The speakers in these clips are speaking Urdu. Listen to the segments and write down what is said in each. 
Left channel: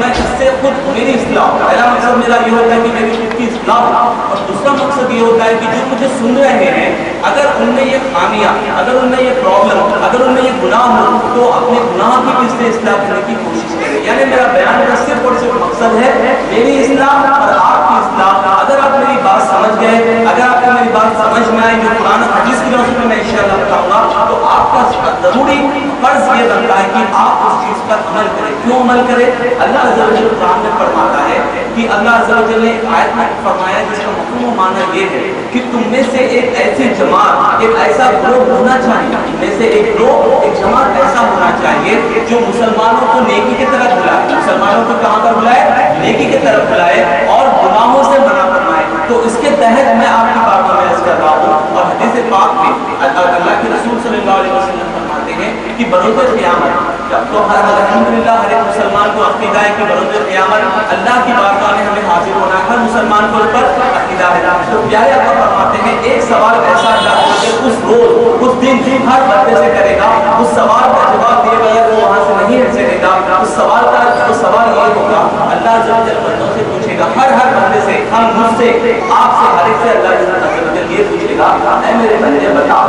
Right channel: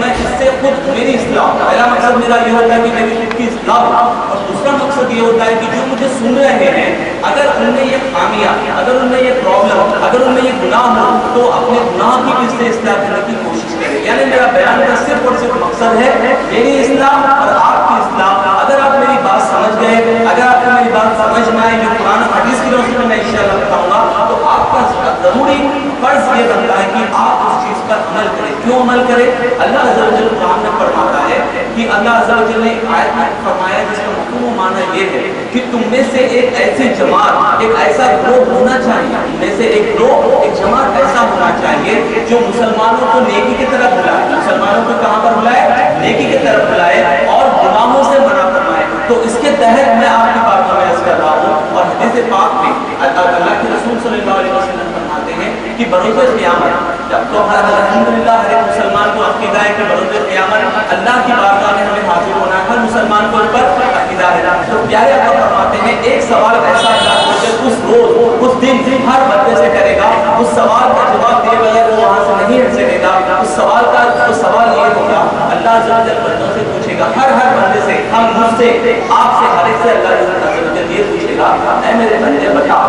میں اس سے خود میری اصلاح، پہلا مقصد میرا یہ ہوتا ہے کہ میری خود کی اصلاح ہو، اور دوسرا مقصد یہ ہوتا ہے کہ جو مجھے سن رہے ہیں اگر ان میں یہ خامیاں، اگر ان میں یہ پرابلم، اگر ان میں یہ گناہ ہو تو اپنے گناہ کی کس سے اصلاح کرنے کی کوشش کریں. یعنی میرا بیان کا صرف اور صرف مقصد ہے میری اصلاح اور آپ کی اصلاح. اگر آپ میری بات سمجھ گئے، اگر آپ کو میری بات سمجھ میں آئی جو قرآن حدیث کی روشنی میں انشاءاللہ بتاؤں گا، تو آپ کا ضروری فرض یہ بنتا ہے کہ آپ اس چیز پر عمل کریں. کیوں عمل کریں؟ اللہ عز و جل قرآن میں فرماتا ہے کہ اللہ عز و جل نے ایک آیت میں فرمایا جس کا مفہوم و معنی یہ ہے کہ تم میں سے ایک ایسی جماعت، ایک ایسا گروہ ہونا چاہیے، تم میں سے ایک گروہ، ایک جماعت ایسا ہونا چاہیے جو مسلمانوں کو نیکی کی طرف بلائے، مسلمانوں کو کہاں پر بلائے؟ نیکی کی طرف بلائے اور گناہوں سے منع فرمائے. تو اس کے تحت میں آپ کی بات میں عرض کر رہا ہوں. اور حدیث پاک میں اللہ کے رسول صلی اللہ علیہ وسلم فرماتے ہیں کہ بروز قیامت، جب تو الحمدللہ ہر ایک مسلمان کو عقیدہ ہے کہ بروز قیامت اللہ کی بارگاہ میں ہمیں حاضر ہونا ہے، ہر مسلمان کو اس پر عقیدہ ہے. تو پیارے اللہ فرماتے ہیں ایک سوال ایسا اللہ اس روز، اس دن ہر بندے سے کرے گا، اس سوال کا جواب دیے بغیر وہ وہاں سے نہیں ہٹ سکے گا. اس سوال کا سوال یہ ہوگا، اللہ عز و جل بندوں سے پوچھے گا، ہر بندے سے، ہم مجھ سے، آپ سے، ہر ایک سے اللہ عز و جل یہ پوچھے گا، اے میرے بندے بتا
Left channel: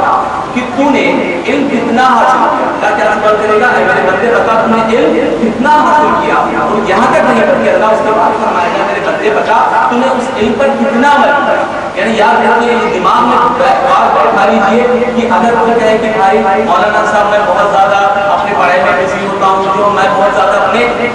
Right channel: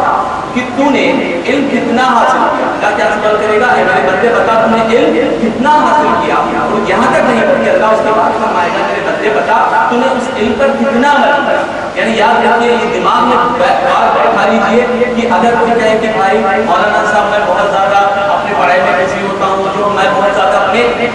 کہ تو نے علم کتنا حاصل کیا. اللہ کیا سوال کرے گا؟ اے میرے بندے بتا تو نے علم کتنا حاصل کیا. اور یہاں تک نہیں بلکہ اللہ اس کے بعد فرمائے گا میرے بندے بتا تو نے اس علم پر کتنا عمل کیا. یعنی یاد رکھیے، یہ دماغ میں بات بیٹھا لیجیے کہ اگر کوئی کہے کہ بھائی مولانا صاحب میں بہت زیادہ اپنی پڑھائی میں بزی ہوتا ہوں، جو میں بہت زیادہ اپنے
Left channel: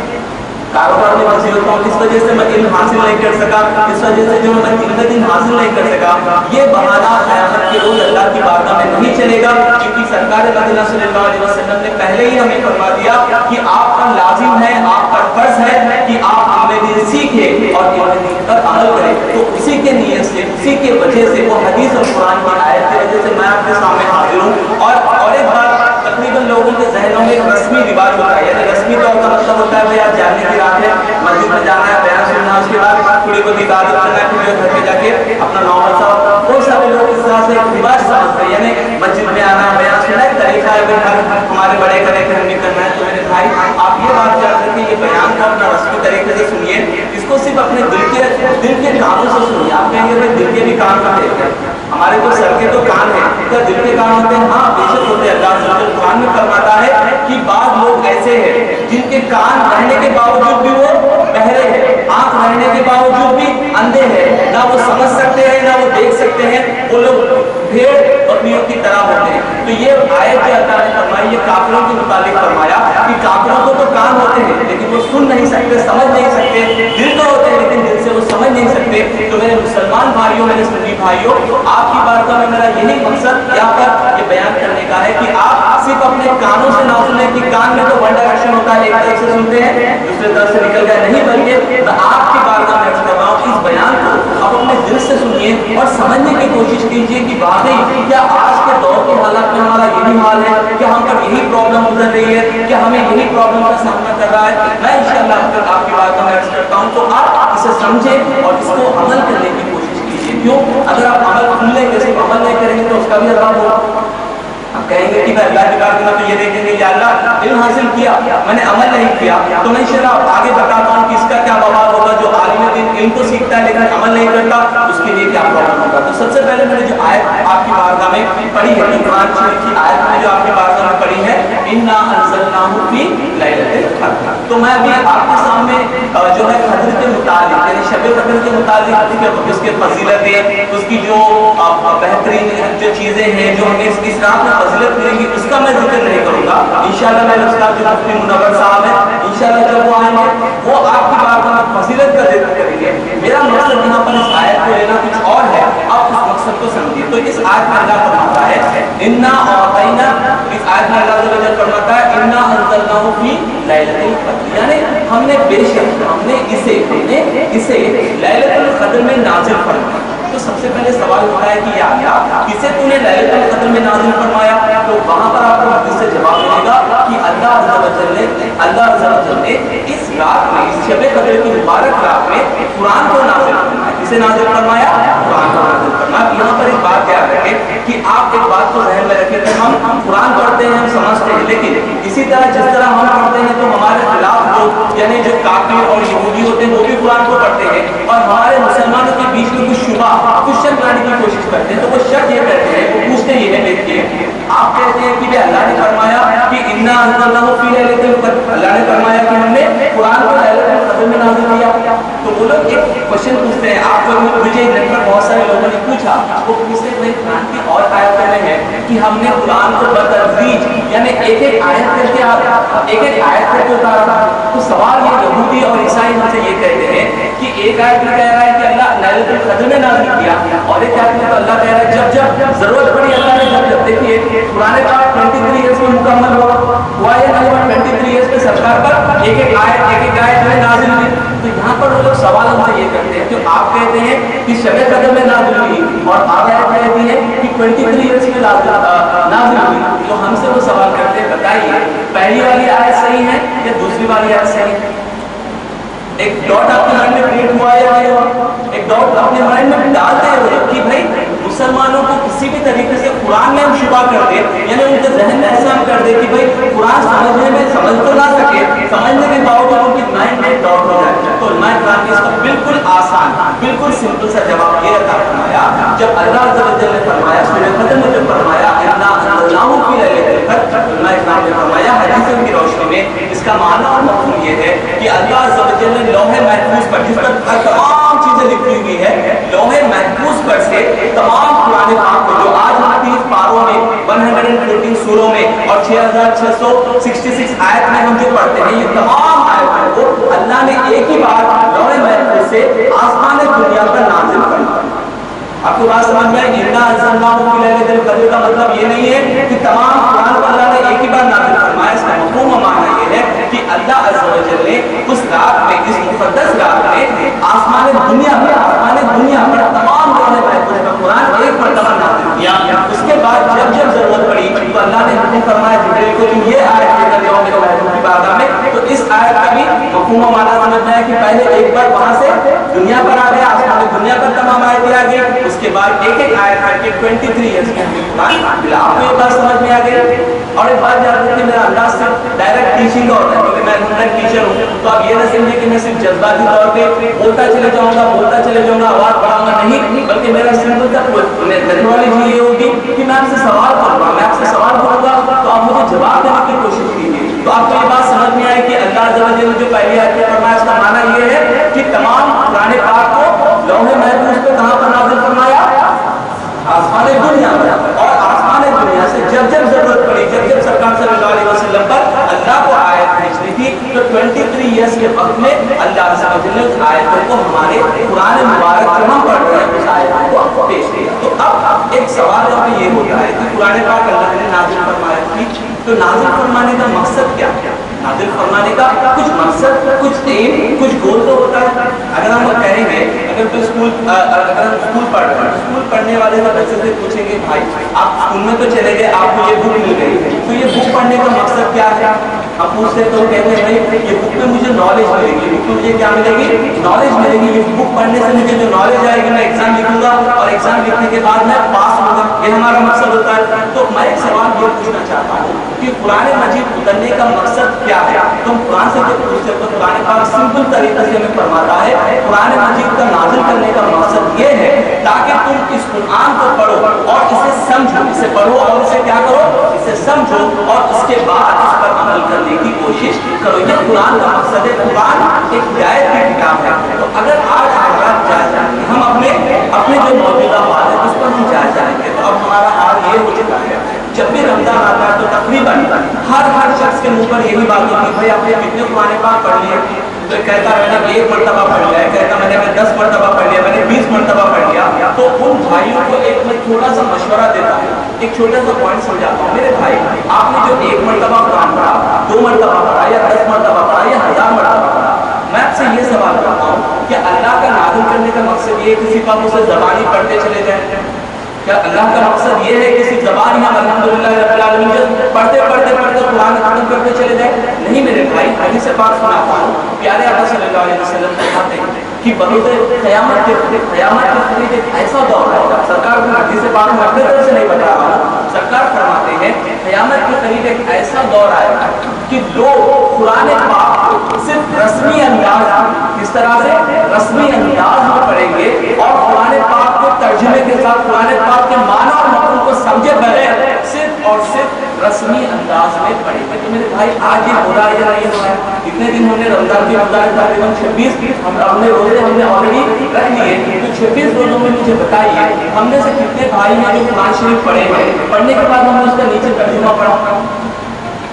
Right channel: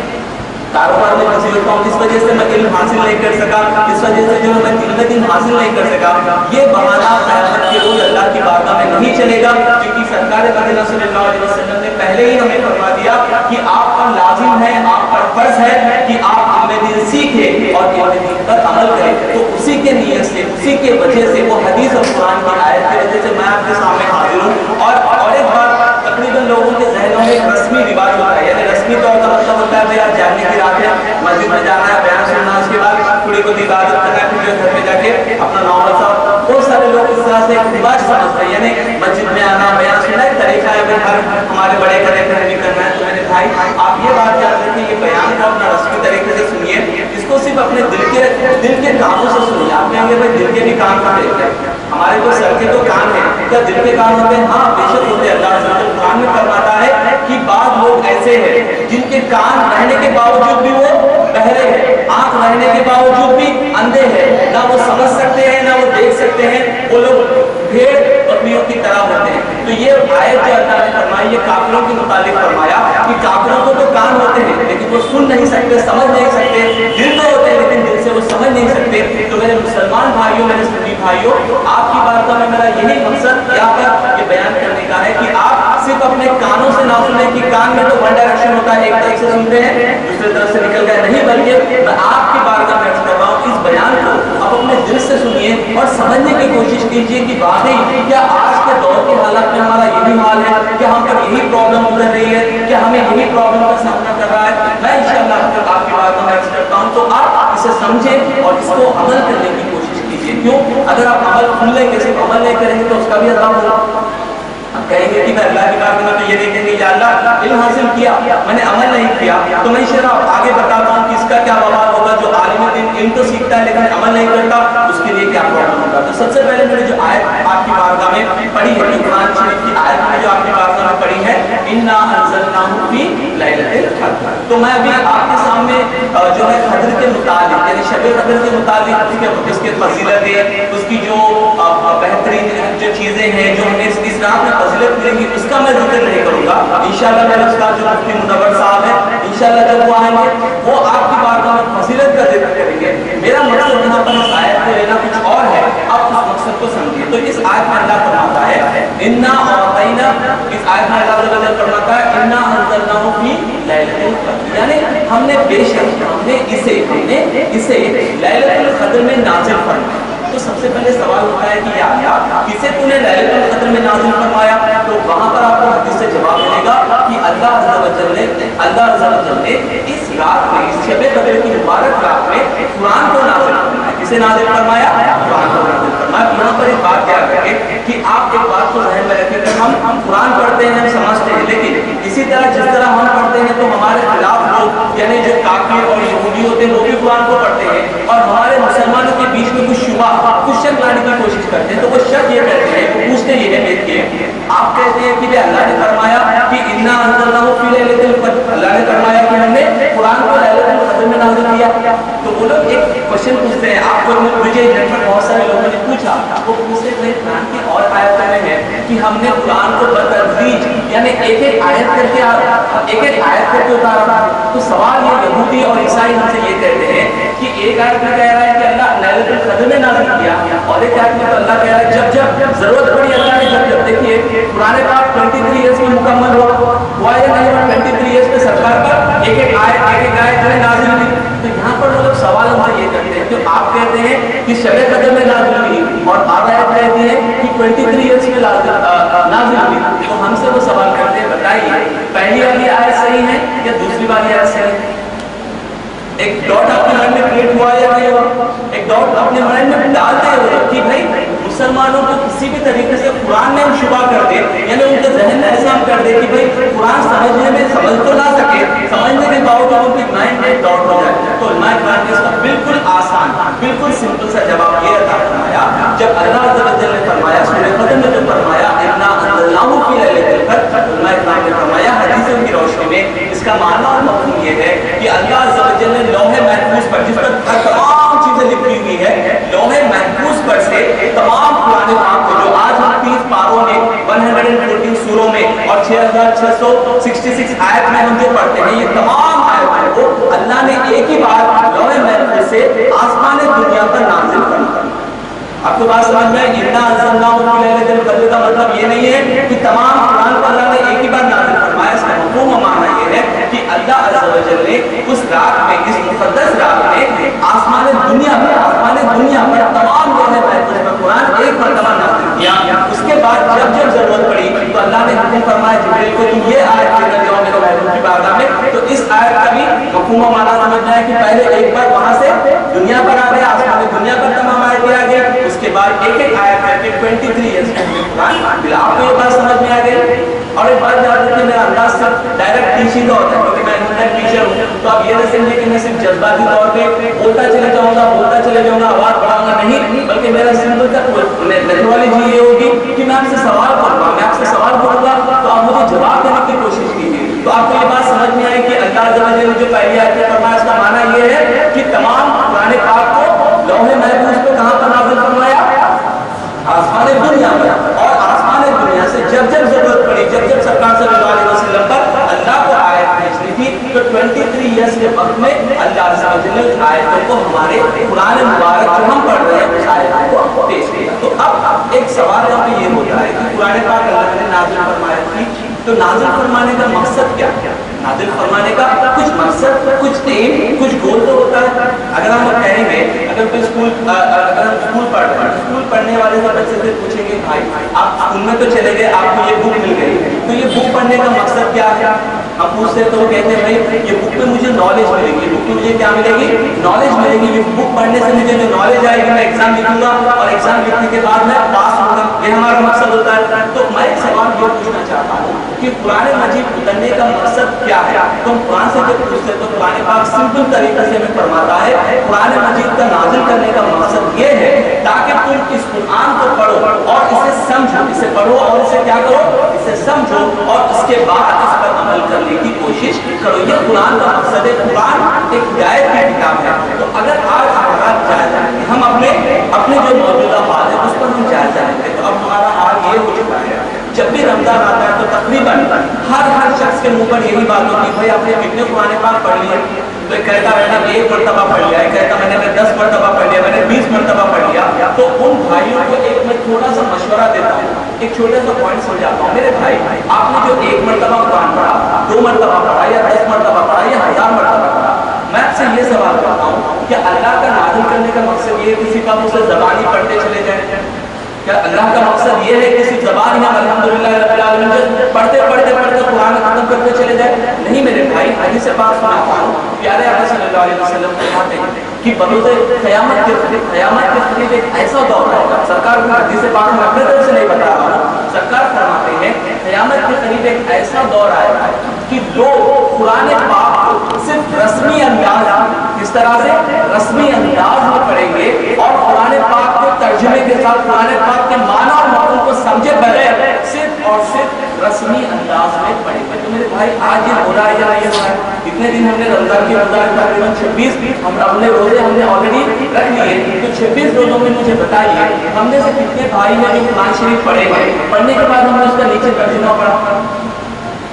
کاروبار میں بزی ہوتا ہوں، اس وجہ سے میں علم حاصل نہیں کر سکا، اس وجہ سے جو میں علم حاصل نہیں کر سکا، یہ بہانہ قیامت کے روز اللہ کی بارگاہ میں نہیں چلے گا. کیونکہ سرکار مدینہ صلی اللہ علیہ وسلم نے پہلے ہی ہمیں فرما دیا کہ آپ پر لازم ہے، آپ پر فرض ہے کہ آپ علم دین سیکھیں اور علم دین پر عمل کریں. تو اسی کے نیت سے، اسی کے وجہ سے، وہ حدیث اور قرآن کی آیت کی وجہ سے میں آپ کے سامنے حاضر ہوں. اور ایک بات، تقریباً لوگوں کے ذہنوں میں ایک رسمی رواج ہوتا ہے، یعنی رسمی طور کا مطلب ہوتا ہے بھائی آج جانے کی رات ہے، مسجد میں جانا ہے، بیان سننا، اس کے بعد تھوڑی بہت عبادت کرنا ہے، پھر گھر پہ جا کے اپنا نارمل سا. بہت سارے لوگ اس طرح سے ایک رواج سمجھتے ہیں، یعنی مسجد میں آنا، بیان سننا ایک طریقہ ہے، ہر ہمارے بڑے کرے کہ ہمیں کرنا ہے. تو میرے بھائی آپ یہ بات یاد رکھیں، یہ بیان کو اپنا رسمی طریقے سے سنیے، اس کو صرف اپنے دل کے کانوں سے سنیے. آپ کہیں گے بھائی دل کے بھی کان کا طریقہ ہے، ہمارے تو سر کے تو کان ہیں، کیا دل کے کان ہوتے ہیں؟ ہاں بے شک ہوتے ہیں. اللہ قرآن میں فرماتا ہے کہ بعض لوگ ایسے ہیں جن کے کان رہنے کے باوجود بھی وہ بہرے ہیں، آنکھ رہنے کے باوجود بھی اندھے ہیں، نہ وہ سمجھ سکتے ہیں نہ وہ دیکھ سکتے ہیں. وہ لوگ بھیڑ بکریوں کی طرح ہوتے ہیں. تو یہ آیت جو اللہ نے فرمائی، یہ کافروں کے متعلق فرمایا کہ کافروں کو تو کان ہوتے ہیں لیکن وہ سن نہیں سکتے، سمجھ نہیں سکتے. دل تو ہوتے ہیں لیکن دل سے وہ سمجھ نہیں سکتے. تو میرے مسلمان بھائیوں، میرے سنی بھائیوں، آپ کی بارگاہ میں میرا یہی مقصد یہاں پر یہ بیان کرنے کا ہے کہ آپ صرف اپنے کانوں سے نہ سنیں کہ کان میں تو ون ڈائریکشن ہوتا ہے، ایک طرف سے سنتے ہیں دوسرے طرف سے نکل گئے، نہیں، بلکہ میں آپ کی بارگاہ میں کر رہا ہوں اس بیان کو آپ اپنے دل سے سنیے اور سمجھنے کی کوشش کیجیے کہ واقعی کیا آج کے دور کے حالات میں ہمارا یہی حال ہے، کیا ہم پر یہی پرابلم گزر رہی ہے، کیا ہمیں یہی پرابلم کا سامنا کر رہا ہے. میں انشاءاللہ آپ کی بارگاہ میں عرض کرتا ہوں تو آپ اسے سمجھیں اور اس کو عمل کرنے کی کوشش کیجیے. کیوں؟ اگر آپ عمل کھل لیں گے، صرف عمل نہیں کریں گے تو اس کا بھی عذاب ہوگا. آپ کہیں گے کہ میں اللہ کی بات میں تو یہ دیکھیں گے یا اللہ علم حاصل کیا، میں نے عمل نہیں کیا، تو میں انشاءاللہ آگے بتاتا ہوں کہ اس کا کیا وبال ہوگا. جو عالم دین علم تو سیکھتا ہے لیکن عمل نہیں کرتا، اس کے لیے کیا پرابلم ہوگا. تو سب سے پہلے میں نے جو آیت آپ کی بارگاہ میں پڑھی ہے، قرآن شریف کی آیت میں جو آپ کی بارگاہ میں پڑھی ہے، انا انزلناہ فی لیلۃ القدر. تو میں ابھی آپ کے سامنے جو ہے قدر کے متعلق، یعنی شب قدر کے متعلق اس کے فضیلتیں، اس کی جو بہترین جو چیزیں ہیں جو ہمیں اس رات میں فضیلت ملیں گی، اس کا میں ذکر نہیں کروں گا. انشاءاللہ میرے استاد جو مفتی منور صاحب ہیں، انشاءاللہ جب وہ آئیں گے وہ آپ کی بارگاہ میں فضیلت کا ذکر کریں گے. میرا مقصد یہاں پر اس آیت کو لینا کچھ اور ہے، آپ اس مقصد کو سمجھیے. تو اس آیت میں اللہ فرماتا ہے انا اعطینا، اس آیت میں اللہ تعالیٰ فرماتا ہے انا انزلناہ فی لیلۃ القدر، یعنی ہم نے بے شک ہم نے اسے لیلۃ القدر میں نازل فرمایا. تو سب سے پہلے سوال ہوتا ہے کہ یا اللہ کسے تو نے لیلۃ القدر میں نازل فرمایا؟ تو وہاں پر آپ کو حدیث سے جواب ملے گا کہ اللہ عز و جل نے اس رات میں، اس شب قدر کی مبارک رات میں قرآن کو نازل فرمایا. کسے نازل فرمایا؟ قرآن کو نازل فرمایا. یہاں پر ایک بات یاد رکھیں کہ آپ ایک بات کو ذہن میں رکھیں کہ ہم قرآن پڑھتے ہیں، ہم سمجھتے ہیں، لیکن اسی طرح جس طرح ہم پڑھتے ہیں تو ہمارے خلاف لوگ، یعنی جو کافر یہ کہتے ہیں, وہ پوچھتے یہ ہے, دیکھیے آپ کہتے ہیں کہ اللہ نے فرمایا کہ انا انزلناہ فی لیلۃ القدر, اللہ نے فرمایا کہ ہم نے قرآن کو لیلۃ القدر میں نازل کیا. تو وہ لوگ ایک کوشچن پوچھتے ہیں, آپ کو مجھے نیٹ پر بہت سارے لوگوں نے پوچھا, وہ پوچھتے ہیں قرآن کی اور آیتوں میں ہے کہ ہم نے قرآن کو بتدریج یعنی ایک ایک آیت کر کے اتارا. تو سوال یہ یہودی اور عیسائی ہم سے یہ کہتے ہیں کہ ایک آیت میں کہہ رہا ہے کہ اللہ لیلۃ القدر میں نازل کیا, اور ایک آیت میں تو اللہ کہہ رہا ہے جب ضرورت پڑی اللہ نے جب دیکھیے قرآن پاک 23 ایئرس میں مکمل ہوا یا نہیں ہوا, 23 ایئرس میں سرکار پر ایک ایک آیت جو ہے نازل ہوئی. تو یہاں پر وہ لوگ سوال ہم سے یہ کرتے ہیں کہ آپ کہتے ہیں کہ شب قدر میں نازل ہوئی اور آپ آیت کہتی ہے کہ 23 ایئرس میں نازل ہوئی. تو ہم سے وہ سوال کرتے ہیں, بتائیے پہلی والی آیت صحیح ہے یا دوسری والی آیت صحیح ہے؟ ایک ڈاٹ آپ کے مائنڈ میں کریٹ ہوا یا نہیں ہوا؟ ایک ڈاٹ اپنے مائنڈ میں ڈالتے ہیں کہ بھائی مسلمانوں کو کسی بھی طریقے سے قرآن میں ہم شبہ کر دے, یعنی ان کے ذہن میں ایسا ہم کر دے کہ بھائی قرآن سمجھنے میں سمجھ تو نہ سکے, سمجھنے کے باوجود ان کی مائنڈ میں ڈاٹ ہو جائے. تو علماء کرام نے اس کا بالکل آسان بالکل سمپل سا جواب یہ عطا فرمایا, جب اللہ عز و جل نے فرمایا سورہ قدر میں جو فرمایا انا انزلناہ فی لیلۃ القدر, علماء کرام نے فرمایا حدیثوں کی روشنی میں اس کا معنی اور مفہوم یہ ہے کہ اللہ عز و جل نے لوح محفوظ پر, جس پر تمام چیزیں لکھی ہوئی ہے, لوح محفوظ پر سے تمام قرآن پاک کو جو آج ہم 30 پاروں میں 114 سوروں میں اور 6666 آیت میں ہم جو پڑھتے ہیں, یہ تمام آیتوں کو اللہ نے ایک ہی بار لوح محفوظ سے آسمان دنیا پر نازل کرنا. آپ کو بات سمجھ میں, انا انزلناہ فی لیلۃ القدر کا مطلب یہ نہیں ہے کہ تمام قرآن کو اللہ نے ایک ہی بار نازل فرمایا. اس کا مفہوم و معنی یہ ہے کہ اللہ عز و جل نے اس رات میں, اس مقدس رات میں آسمان دنیا پر تمام لوح محفوظ پر قرآن ایک مرتبہ نازل کیا. اس کے بعد جب ضرورت پڑی تو اللہ نے حکم فرمایا جبریل کو تم یہ آیت لے کر جاؤ میرے محبوب کی بارگاہ میں. تو اس آیت کا بھی مفہوم و معنی سمجھنا ہے کہ پہلے ایک بار وہاں سے دنیا پر آ گیا, آسمان دنیا پر تمام آیتیں آ گئی, اس کے بعد ایک ایک آیت کر کے 23 ایئرس میں قرآن ملا. آپ کو یہ بات سمجھ میں آ گئی؟ اور ایک بات یاد رکھیے, میرا انداز صرف ڈائریکٹ ٹیچنگ کا ہوتا ہے کیونکہ میں انٹرنیٹ ٹیچر ہوں. تو آپ یہ نہ سمجھیں کہ میں صرف جذباتی طور پہ بولتا چلے جاؤں گا, آواز بڑھاؤں گا, نہیں, بلکہ میرا سمپل کا میتھڈالوجی یہ ہوگی کہ میں آپ سے سوال کروں گا, تو آپ مجھے جواب دینے کی کوشش کیجیے. تو آپ کو یہ بات سمجھ میں آئے کہ اللہ عز و جل نے جو پہلی آیت میں فرمایا اس کا معنی یہ ہے کہ تمام قرآن پاک کو لوح محفوظ پہ کہاں پر نازل فرمایا؟ آسمان دنیا پر. اور آسمان دنیا سے جب ضرورت پڑی, جب سرکار صلی اللہ علیہ وسلم پر اللہ کو آیت بھیجنی تھی, تو 23 ایئرس کے وقت میں اللہ عز و جل نے اس آیتوں کو ہمارے قرآن مبارک جو ہم پڑھ رہے ہیں اس آیتوں کو پیش کیا. تو اب ایک سوال یہاں پہ یہ ہوتا ہے کہ قرآن پاک اللہ نے نازل فرمایا تھی, تو نازل فرمانے کا مقصد کیا؟ نازل فرمانے کا کچھ مقصد, کچھ ایم, کچھ گول تو ہوتا ہے. اگر ہم لوگ کہیں گے, اگر ہم اسکول پڑھ رہے ہیں, اسکول پڑھنے والے کا بچے سے پوچھیں گے بھائی آپ اسکول میں تو چلے گئے, آپ کو یہ بک مل گئی, تو یہ بک پڑھنے کا مقصد کیا ہے؟ ہم پوچھتے تو وہ کہتے ہیں بھائی یہ بک میں مجھے نالج ملے گی, بک میں مجھے کیا ملے گی؟ نالج ملے گی. یہ بک پڑھنے سے مجھے جو نالج آئے گی میں ایگزام لکھوں گا, اور ایگزام لکھنے کے بعد میں پاس ہوں گا, یہ ہمارا مقصد ہوتا ہے. تو میں ایک سوال یہ پوچھنا چاہتا ہوں کہ قرآن مجید اترنے کا مقصد کیا ہے؟ تو ہم قرآن سے جب پوچھتے تو قرآن پاک سمپل طریقے سے ہمیں فرماتا ہے قرآن مجید کا نازل کرنے کا مقصد یہ ہے تاکہ تم اس قرآن کو پڑھو اور اسے سمجھو, اسے پڑھو اور اسے کیا کرو, اسے سمجھو, اور اس کے بعد اس پر عمل کرنے کی کوشش کرو. یہ قرآن کا مقصد ہے. قرآن ایک ہدایت کی کتاب ہے. تو اگر آج ہمارا جائزہ ہم اپنے جو موجودہ حال ہے اس پر ہم جائزہ جائیں گے, تو اب ہمارا حال یہ ہو چکا ہے جب بھی رمضان آتا ہے تو تقریباً ہر شخص کے منہ پر یہی بات ہوتی ہے بھائی آپ نے کتنے قرآن پاک پڑھ لیے؟ تو کہتا ہے میں نے 1 مرتبہ پڑھ لیا ہے, کہتا میں نے 10 مرتبہ پڑھ لیا, میں نے 20 مرتبہ پڑھ لیا. تو ان بھائیوں کو ایک میں تھوڑا سا مشورہ دیتا ہوں, ایک چھوٹا سا پوائنٹ سمجھاتا ہوں. میرے بھائی آپ نے جو 1 مرتبہ قرآن پڑھا, 2 مرتبہ پڑھا, یا 10 مرتبہ پڑھا, یا 1000 مرتبہ پڑھا, میں آپ سے یہ سوال کرتا ہوں کہ اللہ کا نازل کرنے کا مقصد یہ ہے کسی کا اسے زبانی پڑھتے چلے جائیں؟ کیا اللہ کا مقصد یہ ہے کسی زبان میں الحمدللہ رب العالمین پڑھتے قرآن ختم کرتے چلے جائیں؟ نہیں میرے بھائی, حدیث پاک سناتا ہوں. پیارے آقا صلی اللہ علیہ وسلم فرماتے ہیں کہ بروز قیامت کے قریب ایک ایسا دور ہے, سرکار کو حدیث پاک میں اپنے طرف سے نہیں بتا رہا ہوں, سرکار فرماتے ہیں قیامت کے قریب ایک ایسا دور آئے گا کہ لوگ قرآن پاک کو صرف رسمی انداز, اس طرح سے رسمی انداز میں پڑھیں گے, اور قرآن پاک کو ترجمے کے ساتھ قرآن پاک کے معنی اور سمجھے بغیر صرف اور صرف رسمی انداز میں پڑھیں گے. تو میرے بھائی آج یہ ہو رہا ہے یا نہیں ہو رہا ہے؟ اتنے دن ہم نے رمضان کے مطابق تقریباً 26 اپنے روزے ہم نے آلریڈی رکھ لیے. تو 26 روزوں میں مجھے بتائیے ہم نے سے کتنے بھائی ہیں جو قرآن شریف پڑھے ہیں؟ پڑھنے کے بعد ہم نے اس کا نیچے ترجمہ پڑھا.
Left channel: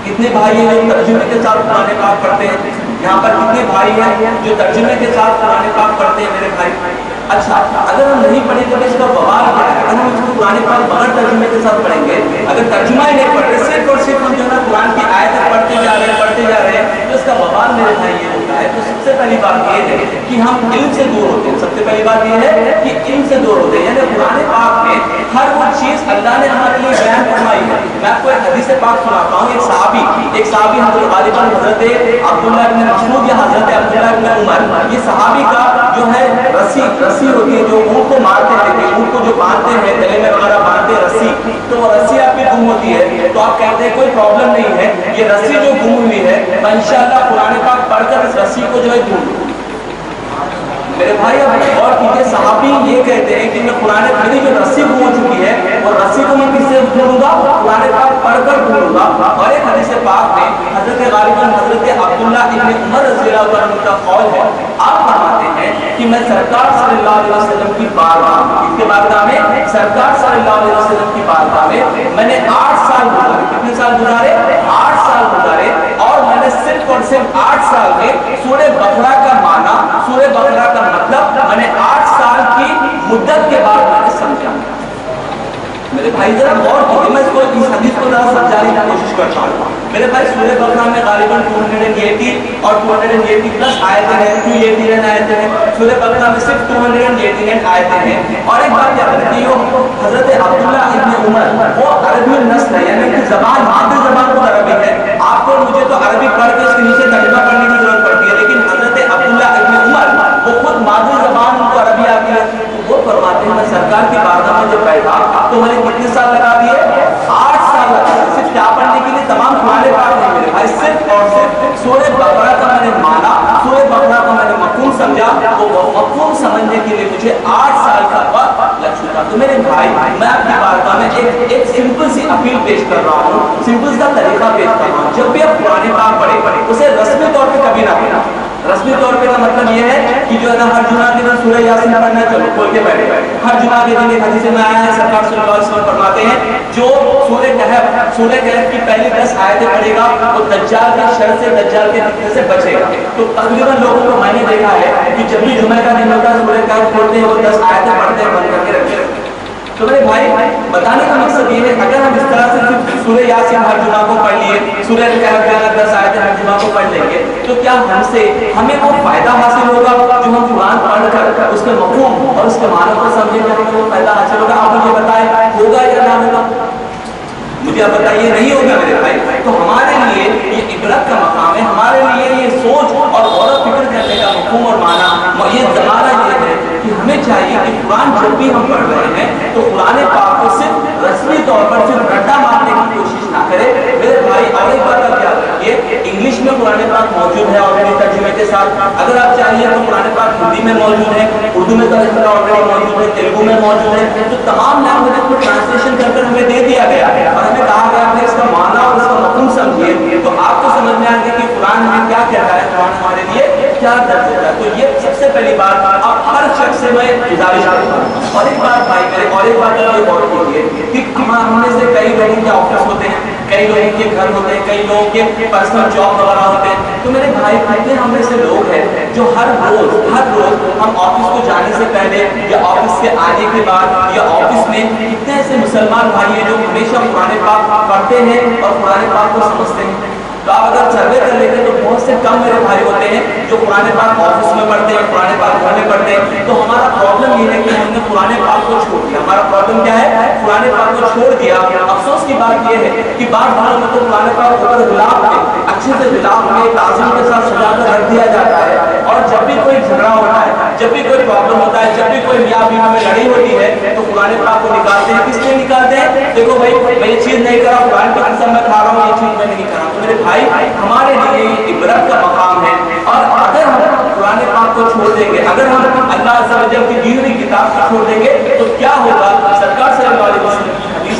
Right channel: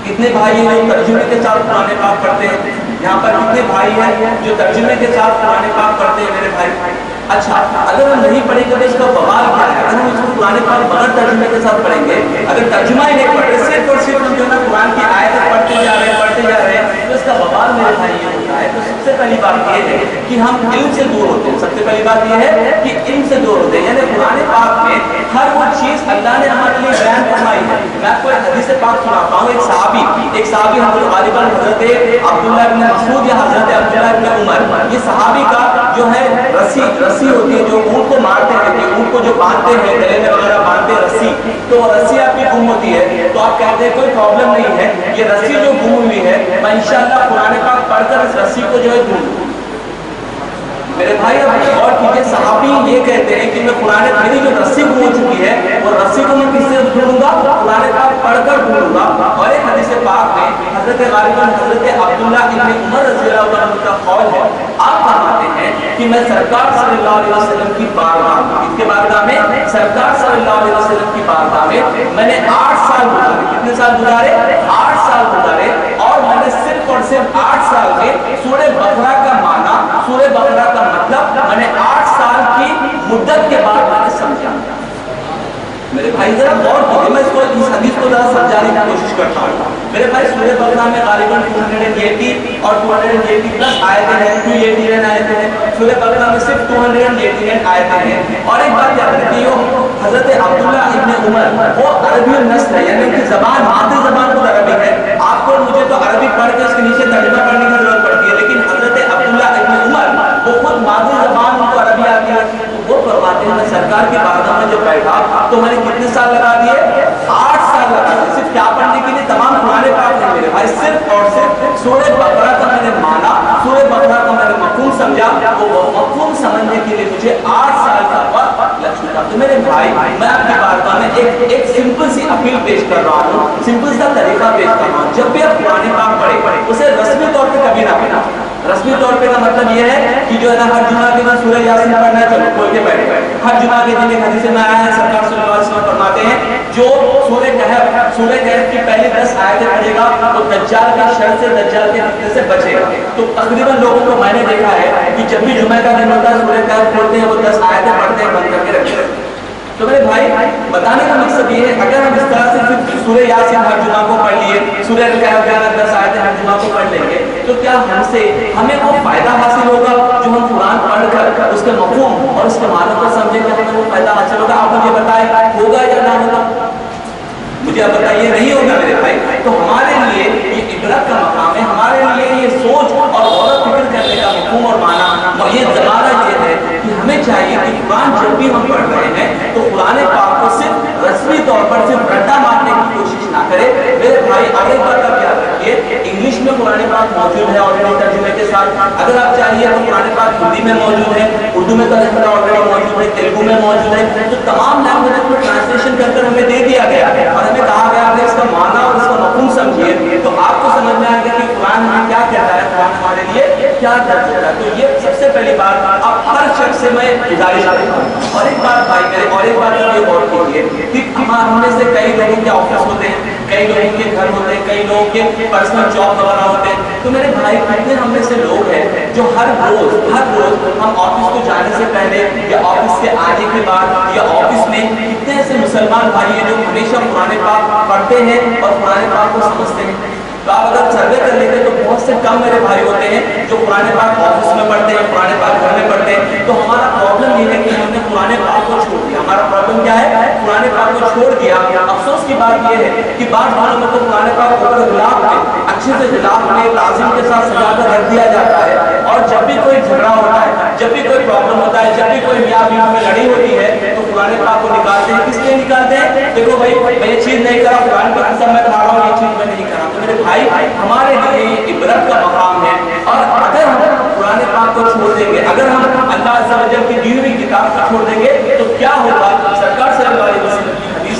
کتنے بھائی ہیں جو ترجمے کے ساتھ قرآن پاک پڑھتے ہیں؟ یہاں پر کتنے بھائی ہیں جو ترجمے کے ساتھ قرآن پاک پڑھتے ہیں میرے بھائی؟ اچھا اگر ہم نہیں پڑھیں گے تو اس کا بوال کیا ہے؟ اگر ہم اس کو قرآن پاک بغیر ترجمے کے ساتھ پڑھیں گے, اگر ترجمہ ہی نہیں پڑھ رہے صرف اور صرف ہم جو ہے نا قرآن کی آیتیں پڑھتے جا رہے ہیں تو اس کا بوال میرے بھائی یہ ہوتا ہے. تو سب سے پہلی بات یہ ہے کہ ہم علم سے دور ہوتے ہیں. سب سے پہلی بات یہ ہے کہ علم سے دور ہوتے ہیں. یعنی قرآن پاک میں ہر وہ چیز اللہ نے ہمارے لیے بیان فرمائی ہے. میں آپ کو ایک حدیث پاک سناتا ہوں. ایک صحابی حضرت غالباً حضرت عبداللہ ابن مسعود یا حضرت عبداللہ ابن عمر, یہ صحابی کا جو ہے رسی ہوتی ہے جو اونٹ کو مارتے ہیں, کہ اونٹ کو جو باندھتے ہیں گلے میں وغیرہ باندھتے ہیں رسی, تو وہ رسی آپ کی گم ہوتی ہے تو آپ کہتے ہیں کوئی پرابلم نہیں ہے, یہ رسی جو گم ہوئی ہے میں انشاءاللہ قرآن پاک پڑھ کر اس رسی کو جو ہے ڈھونڈوں. میرے بھائی اب غور کیجیے, صحابی یہ کہتے ہیں کہ میں قرآن میری جو رسی گم ہو چکی ہے وہ رسی کو میں کس سے ڈھونڈوں گا؟ قرآن پاک پڑھ کر ڈھونڈوں گا. اور ایک حدیث پاک میں حضرت غالباً حضرت عبداللہ ابن عمر رضی اللہ عنہ کا قول ہے, آپ فرماتے ہیں کہ میں سرکار صلی اللہ علیہ وسلم کی بارگاہ میں, اس کے بارگاہ میں سرکار صلی اللہ علیہ وسلم کی بارگاہ میں نے 8 سال گزارے. کتنے سال گزارے؟ 8 سال گزارے. اور میں نے صرف اور صرف 8 سال میں سورہ بقرہ کا معنی, سورہ بقرہ کا مطلب میں نے 8 سال کی مدت کے بعد میں نے سمجھا. میرے بھائی ذرا غور کیجیے, میں اس حدیث کو ذرا سمجھانے کی کوشش کرتا ہوں. میرے بھائی سورہ بقرہ میں غالباً 280 اور 280 پلس آیتیں ہیں, 289 آیتیں ہیں. سورہ بقرہ میں صرف 289 آیتیں ہیں. اور ایک بات یاد رکھیے, حضرت عبداللہ ابن عمر وہ عربی النسل ہے, یعنی ان کی زبان مادری زبان خود عربی ہے. آپ کو مجھے تو عربی پڑھ کے اس کے نیچے ترجمہ کرنے کی ضرورت پڑتی ہے, لیکن حضرت عبداللہ ابن عمر وہ خود مادری زبان ان کو عربی آتی ہے. وہ فرماتے ہیں میں سرکار کی بارگاہ میں جب بیٹھا تو میں نے کتنے سال لگا دیے؟ 8 سال لگا دیے. صرف کیا پڑھنے کے لیے؟ تمام قرآن پاک نہیں میرے بھائی, صرف اور صرف سورہ بقرہ کا میں نے مانا, سورہ بقرہ کا میں نے مفہوم سمجھا. وہ مفہوم سمجھنے کے لیے مجھے 8 سال کا وقت لگ چکا. تو میرے بھائی میں آپ کی بارگاہ میں ایک سمپل سی اپیل پیش کر رہا ہوں, سمپل سا طریقہ پیش کر رہا ہوں. جب بھی آپ قرآن پاک پڑھیں اسے رسمی طور پہ کبھی نہ پڑھیں. رسمی طور پہ کا مطلب یہ ہے کہ جو ہے نا ہر جمعہ کے دن سورہ یاسین پڑھنا ہے, چلو کھول کے بیٹھے. ہر جمعہ کے دن ایک حدیث میں آیا ہے سرکار صلی اللہ علیہ وسلم فرماتے ہیں جو سورہ کہف کی پہلی 10 آیتیں پڑھے گا وہ دجال کے شر سے, دجال کے فتنے سے بچے گا. تو تقریباً لوگوں کو میں نے دیکھا ہے کہ جب بھی جمعہ کا دن ہوتا ہے سورہ کہف کھولتے ہیں, وہ 10 آیتیں پڑھتے ہیں, بند کر کے رکھتے ہیں. تو میرے بھائی بتانے کا مقصد یہ ہے اگر ہم اس طرح سے صرف سورہ یاسین ہر جمعہ کو پڑھ لیے, سورہ کہف 10 آیتیں ہر جمعہ کو پڑھ لیں گے, تو کیا ہمیں وہ فائدہ حاصل ہوگا جو ہم قرآن پڑھ کر اس کے مفہوم اور اس کے معنی کو سمجھیں گے, ہمیں وہ فائدہ حاصل ہوگا؟ آپ مجھے بتائیں ہوگا یا نہ ہوگا؟ مجھے آپ بتائیے نہیں ہوگا میرے بھائی. تو ہمارے لیے یہ عبرت کا مقام ہے, ہمارے لیے یہ سوچ اور غور و فکر کرنے کا مفہوم اور معنی, یہ زمانہ یہ ہے کہ ہمیں چاہیے کہ قرآن جب بھی ہم پڑھ رہے ہیں تو قرآن پاک کو صرف رسمی طور پر صرف رٹا مارنے کی کوشش نہ کرے میرے بھائی. اور ایک بات آپ یاد رکھیے, انگلش میں قرآن پاک موجود ہے آلریڈی ترجمے کے ساتھ. اگر آپ چاہیے تو قرآن پاک ہندی میں موجود ہے, اردو میں ترجمہ آلریڈی موجود ہے, تیلگو میں موجود ہے. تو تمام لینگویج کو ٹرانسلیشن کر کر ہمیں دے دیا گیا ہے اور ہمیں کہا گیا کہ اس کا معنی اور اس کا مفہوم سمجھیے تو آپ کو سمجھ میں آئے گا کہ قرآن ہمیں کیا کہتا ہے, قرآن ہمارے لیے کیا درج ہوتا ہے. تو یہ سب سے پہلی بات آپ ہر شخص سے میں گزارش کرتا ہوں. اور ایک بات بھائی میرے, اور ایک بات یہ غور کیجیے کہ ہم میں سے کئی لوگوں کے آفس ہوتے ہیں, کئی لوگوں کے گھر ہوتے ہیں, کئی لوگوں کے پرسنل جاب وغیرہ ہوتے ہیں. تو میرے بھائی کتنے ہم میں سے لوگ ہیں جو ہر روز ہم آفس کو جانے سے پہلے یا آفس سے آنے کے بعد یا آفس میں کتنے ایسے مسلمان بھائی ہیں جو ہمیشہ قرآن پاک پڑھتے ہیں اور قرآن پاک کو سمجھتے ہیں. تو آپ اگر سروے کر لیتے تو بہت سے کم میرے بھائی ہوتے ہیں جو قرآن پاک آفس میں پڑھتے ہیں, قرآن پاک گھر میں پڑھتے ہیں. تو ہمارا پرابلم یہ ہے کہ ہم نے قرآن پاک کو چھوڑ دیا. ہمارا پرابلم کیا ہے؟ قرآن پاک کو چھوڑ دیا. افسوس کی بات یہ ہے کہ بعض گھروں میں تو قرآن پاک اوپر غلاف میں اچھے سے غلاف میں تعظیم کے ساتھ سجا کر رکھ دیا جاتا ہے, اور جب بھی کوئی جھگڑا ہوتا ہے, جب بھی کوئی پرابلم ہوتا ہے, جب بھی کوئی میاں بیوی میں لڑائی ہوتی ہے تو قرآن پاک کو نکالتے ہیں. کس لیے نکالتے ہیں؟ دیکھو بھائی میں یہ چیز نہیں کرا, قرآن کی قسم میں کھا رہا ہوں, یہ چیز میں نہیں کرا. تو میرے بھائی ہمارے لیے عبرت کا مقام ہے. اور اگر ہم قرآن پاک کو چھوڑ دیں گے, اگر ہم اللہ عز و جل کی دی ہوئی کتاب کو چھوڑ دیں گے تو کیا ہوگا؟ سرکار صلی اللہ علیہ وسلم کی حدیث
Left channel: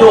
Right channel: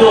2।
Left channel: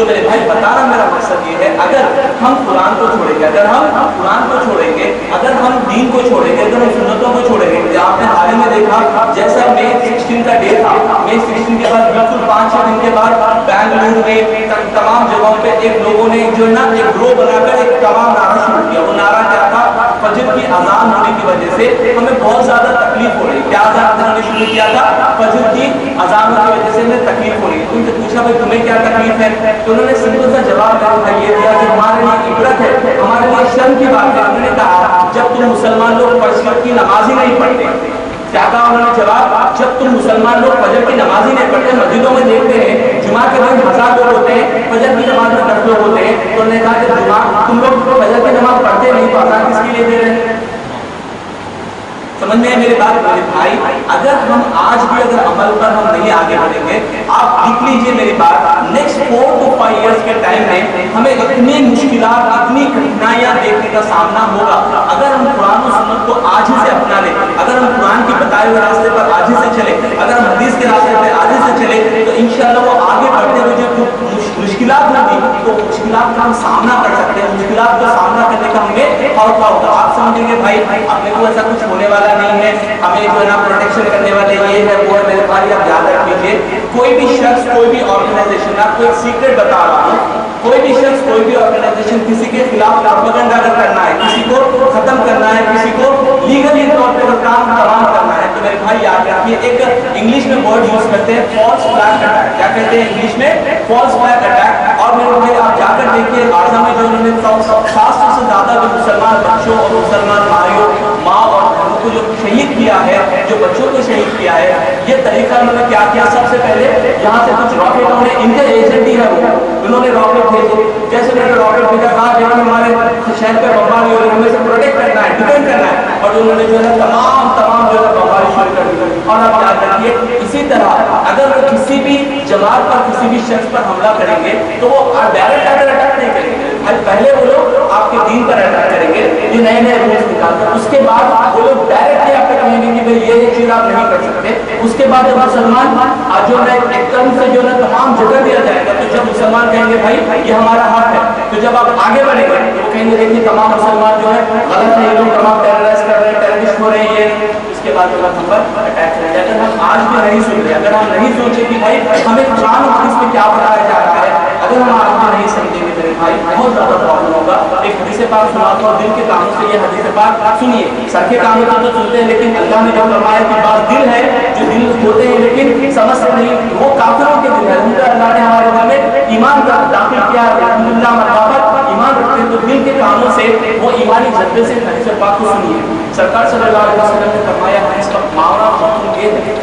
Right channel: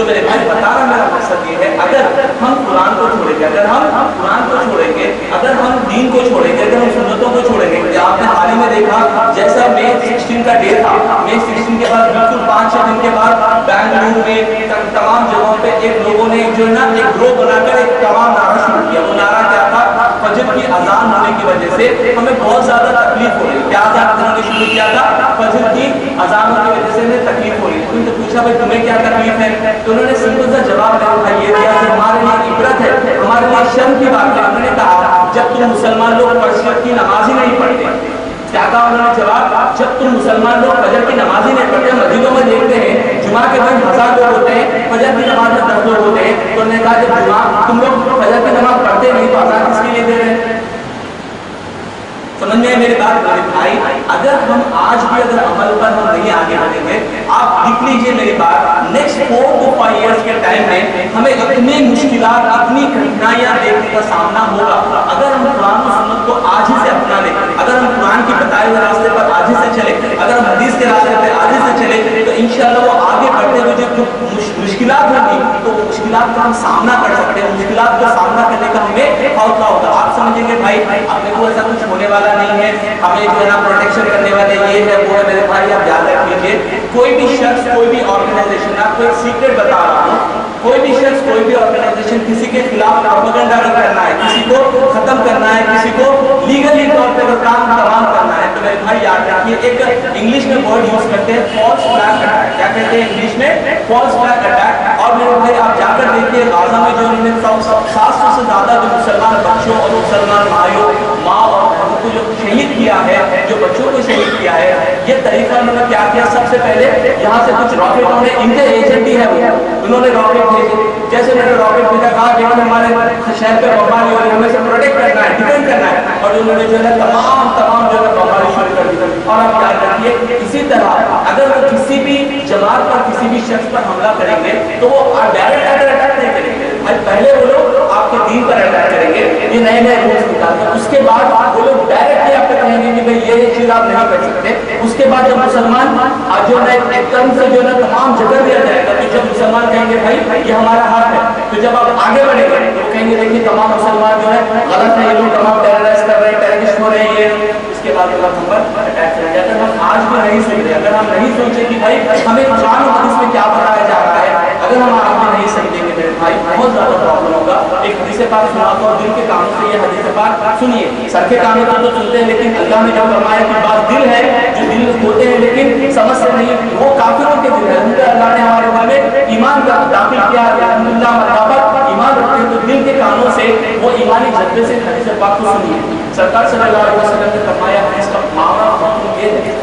تو میرے بھائی بتانا میرا مقصد یہ ہے، اگر ہم قرآن کو چھوڑیں گے، اگر ہم قرآن کو چھوڑیں گے، اگر ہم دین کو چھوڑیں گے، اگر ہم سنتوں کو چھوڑیں گے، آپ نے حال ہی میں دیکھا جیسا مئی 16 کا ڈے تھا، مئی 16 کے بعد بالکل 5-6 دن کے بعد بنگلور میں تمام جگہوں پہ ایک لوگوں نے جو ہے نا ایک گروہ بنا کر ایک تمام نعرہ شروع کیا. وہ نعرہ کیا تھا؟ فجر کی اذان ہونے کی وجہ سے ہمیں بہت زیادہ تکلیف ہو رہی ہے. کیا انہوں نے شروع کیا تھا؟ فجر کی اذانوں کی وجہ سے ہمیں تکلیف ہو رہی ہے. ان سے پوچھا بھائی تمہیں کیا تکلیف ہے؟ تو انہوں نے سمپل سا جواب یہ دیا کہ ہمارے لیے عبرت ہے، ہمارے لیے شرم کی بات ہے. انہوں نے کہا جب تم مسلمان لوگ فجر کی نماز ہی نہیں پڑھتے. کیا کہا انہوں نے جواب؟ جب تم مسلمان لوگ فجر کی نماز ہی نہیں پڑھتے، مسجدوں میں دیکھتے ہیں جمعہ کے دن 1000 لوگ ہوتے ہیں، فجر کی نماز میں 10 لوگ ہوتے ہیں. تو انہوں نے کہا جب جمعہ تم لوگ فجر کی نماز پڑھتے نہیں تو اذان کس کے لیے دے رہے ہیں؟ سمجھ میں ہے میری بات میرے بھائی؟ اگر ہم آج بھی اگر عمل پر ہم نہیں آگے بڑھیں گے، آپ لکھ لیجئے میری بات، نیکسٹ 4 to 5 ایئرس کے ٹائم میں ہمیں اتنی مشکلات، اتنی کٹھنائیاں دیکھنے کا سامنا ہوگا. اگر ہم قرآن و سنت کو آج ہی سے اپنا لیں، اگر ہم قرآن کی بتائے ہوئے راستے پر آج ہی سے چلیں، اگر ہم حدیث کے راستے پر آج ہی سے چلیں، تو انشاءاللہ وہ آگے بڑھتے ہوئے جو مشکلات ہوگی تو مشکلات کا ہم سامنا کر سکتے ہیں. مشکلات کا سامنا کرنے کا ہمیں حوصلہ ہوگا. آپ سمجھیں گے بھائی اپنے کو ایسا کچھ ہونے والا نہیں ہے، ہمیں جو ہے نا پروٹیکشن کرنے والے یہ ہے وہ ہے. میرے بھائی آپ یاد رکھیے، کوئی بھی شخص، کوئی بھی آرگنائزیشن، آپ کو ایک سیکرٹ بتا رہا ہوں، کوئی بھی شخص، کوئی بھی آرگنائزیشن کسی کے خلاف پروپیگنڈا اگر کرنا ہے، کسی کو ختم کرنا ہے، کسی کو لیگلی طور پہ کام تمام کرنا ہے، تو میرے بھائی یاد رکھیے ایک انگلش میں ورڈ یوز کرتے ہیں فالس فلیگ اٹیک. کیا کہتے ہیں انگلش میں؟ False flag attack. اور میرے بھائی آپ جا کر دیکھیے غازہ میں جو انہوں نے 700 سے زیادہ جو مسلمان بچوں اور مسلمان بھائیوں، ماں اور بہنوں کو جو شہید کیا ہے، جو بچوں کو شہید کیا ہے، یہ طریقہ انہوں نے کیا کیا؟ سب سے پہلے یہاں سے کچھ راکٹ، انہوں نے ان کے ایجنٹ ہی ہے وہ، انہوں نے راکٹ بھیجے. جیسے انہوں نے راکٹ بھیجا، کہا کہ ہمارے شہر پہ بمباری ہو رہی ہے، ہمیں سے پروٹیکٹ کرنا ہے، ڈیفینڈ کرنا ہے. اور انہوں نے جو ہے تمام جو ہے بمباری شروع کر دی. اور آپ یاد رکھیے اسی طرح اگر وہ کسی بھی جماعت پر، کسی بھی شخص پر حملہ کریں گے تو وہ ڈائریکٹ اٹیک نہیں کریں گے. پہلے وہ لوگ آپ کے دین پر اٹیک کریں گے، یہ نئے نئے رولز نکال کر. اس کے بعد وہ لوگ ڈائریکٹلی آپ کو کہیں گے کہ بھائی یہ چیز آپ نہیں کر سکتے. اس کے بعد جب مسلمان جو ہے ایک دم سے جو ہے تمام جگہ دیا جائے گا، تو جب مسلمان کہیں گے بھائی یہ ہمارا حق ہے، تو جب آپ آگے بڑھیں گے تو وہ کہیں گے دیکھیے تمام مسلمان جو ہے غلط ہے، یہ لوگ تمام ٹیررائز کر رہے ہیں، ٹیررسٹ ہو رہے ہیں یہ. اس کے بعد ہم پر اٹیک کریں گے. اگر ہم آج بھی نہیں سن رہے، اگر ہم نہیں سوچے کہ بھائی ہمیں قرآن و حدیث میں کیا بتایا جا رہا ہے، اگر ہم آج بھی نہیں سمجھیں گے میرے بھائی بہت زیادہ پرابلم ہوگا. ایک حدیث پاک سناتا ہوں، دل کے کانوں سے یہ حدیث پاک سنیے. سر کے کانوں سے تو سنتے ہیں، لیکن اللہ نے جو فرمایا کہ بعض دل ہے جو دل ہوتے ہیں لیکن سمجھ سے نہیں، وہ کافروں کے دل ہے. اللہ نے ہمارے دل میں ایمان کا داخل کیا، الحمدللہ مرحبا ایمان رکھتے ہیں، تو دل کے کانوں سے وہ ایمانی جذبے سے حدیث پاک کو سنیے. سرکار صلی اللہ علیہ وسلم نے فرمایا، حدیث کا معنی حکم یہ ہے،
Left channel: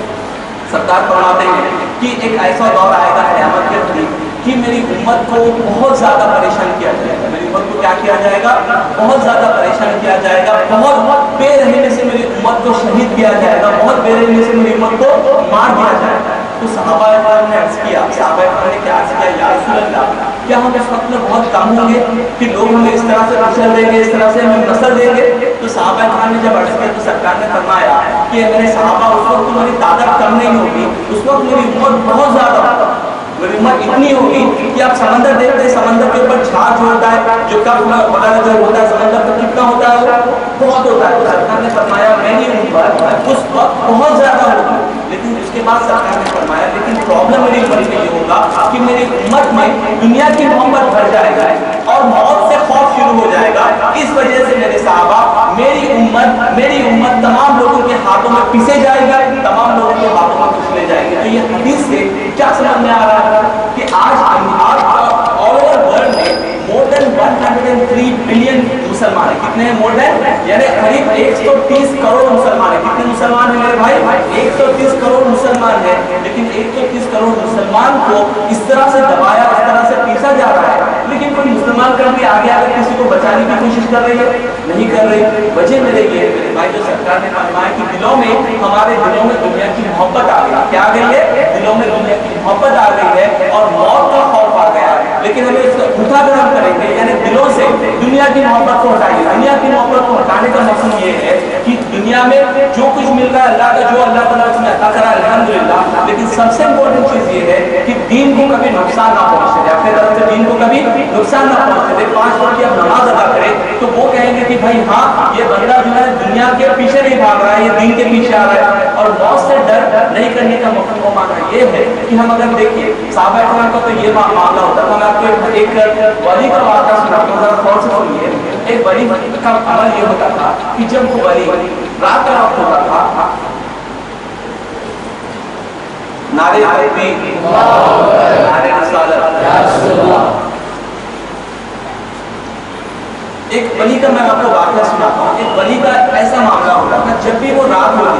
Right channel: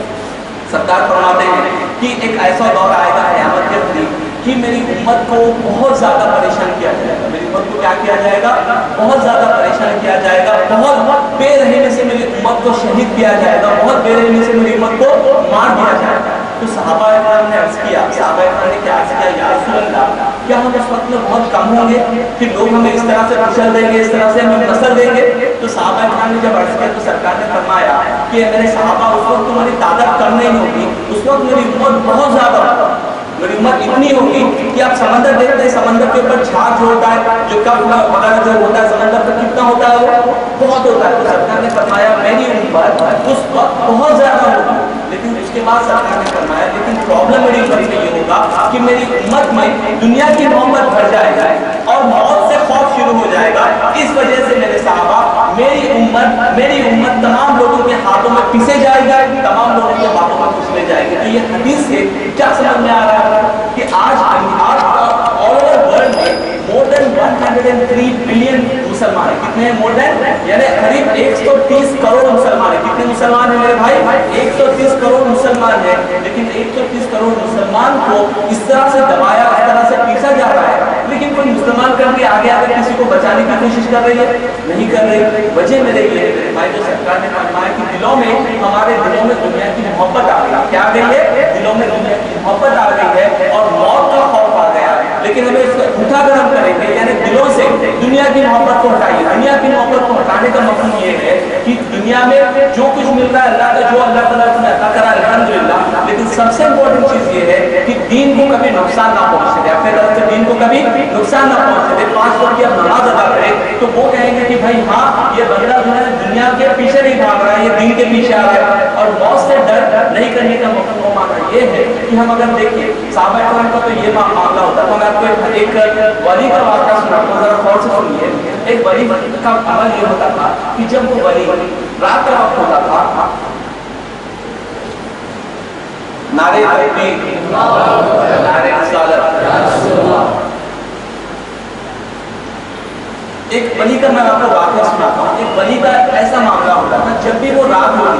سرکار فرماتے ہیں کہ ایک ایسا دور آئے گا قیامت کے قریب کہ میری امت کو بہت زیادہ پریشان کیا جائے گا. میری امت کو کیا کیا جائے گا؟ بہت زیادہ پریشان کیا جائے گا. بہت بے رحمی سے میری امت کو شہید کیا جائے گا. بہت بے رحمی سے میری امت کو مار دیا جائے گا. تو صحابہ اکرام نے عرض کیا، صحابہ اکرام نے کیا عرض کیا؟ یا رسول اللہ، کیا ہم اس وقت میں بہت کم ہوں گے کہ لوگ ہمیں اس طرح سے کچل دیں گے، اس طرح سے ہمیں نصر دیں گے؟ تو صحابہ اکرام نے جب عرض کیا تو سرکار نے فرمایا کہ میرے صحابہ اس وقت تمہاری تعداد کم نہیں ہوگی، اس وقت میری امت بہت زیادہ ہوگی. میری امت اتنی ہوگی کہ آپ سمندر دیکھتے ہیں، سمندر کے اوپر جھاگ جو ہوتا ہے، جو کب وغیرہ جو ہوتا ہے سمندر پر کتنا ہوتا ہے؟ وہ بہت ہوتا ہے. تو سرکار نے فرمایا میری امت اس وقت بہت زیادہ ہوگی. لیکن اس کے بعد سرکار نے فرمایا لیکن پرابلم میری امت میں یہ ہوگا کہ میری امت میں دنیا کی محبت بڑھ جائے گا اور موت سے خوف شروع ہو جائے گا. اس وجہ سے میرے صحابہ، میری امت تمام لوگوں کے ہاتھوں میں پیسے جائے گا، تمام لوگوں کے ہاتھوں میں کچلے جائے گی. تو یہ حدیث سے کیا سمجھ میں آ رہا ہے کہ آج آل اوور ورلڈ میں مور دین 103 بلین مسلمان ہیں. کتنے ہیں؟ مور دین، یعنی قریب 130 کروڑ مسلمان ہیں. کتنے مسلمان ہیں میرے بھائی؟ 130 کروڑ مسلمان ہیں. لیکن 130 کروڑ مسلمان کو اس طرح سے دبایا، اس طرح سے پیسا جا رہا ہے، لیکن کوئی مسلمان کر کے آگے آ کر کسی کو بچانے کی کوشش کر رہی ہے؟ نہیں کر رہی. وجہ میرے یہ ہے میرے بھائی، جو سرکار نے فرمایا کہ دلوں میں، ہمارے دلوں میں دنیا کی محبت آ گئی. کیا آ گئی ہے؟ دلوں میں دنیا کی محبت آ گئی ہے اور موت کا خوف آ گیا. لیکن ہمیں اس کا اٹھا کر ہم کریں گے، یعنی دلوں سے دنیا کی محبت کو ہٹائیے. دنیا کی محبت کو ہٹانے کا مقصد یہ ہے کہ دنیا میں جو کچھ مل رہا ہے اللہ کا، جو اللہ تعالیٰ نے عطا کرا الحمدللہ، لیکن سب سے امپورٹنٹ چیز یہ ہے کہ دین کو کبھی نقصان نہ پہنچے دے، اپنے طرف سے دین کو کبھی نقصان نہ پہنچے دے۔ 5 وقت کی اب نماز ادا کرے تو وہ کہیں گے کہ بھائی ہاں یہ بندہ جو ہے دنیا کے پیچھے نہیں بھاگ رہا ہے، یہ دین کے پیچھے آ رہا ہے۔ اور موت سے ڈر نہیں کرنے کا مفہوم و معنی یہ ہے کہ ہم اگر دیکھیں صحابہ کرام کا تو یہ معاملہ ہوتا تھا۔ میں آپ کو ایک ولی کا واقعہ سناتا ہوں، ذرا غور سے سنیے۔ ایک ولی کا عمل یہ ہوتا تھا کہ جب وہ ولی رات کا وقت ہوتا تھا، نعرے تکبیر، نعرے رسالت، ایک ولی کا میں آپ کو واقعہ سناتا ہوں۔ ایک ولی کا ایسا معاملہ ہوتا تھا، جب بھی وہ رات ہوتی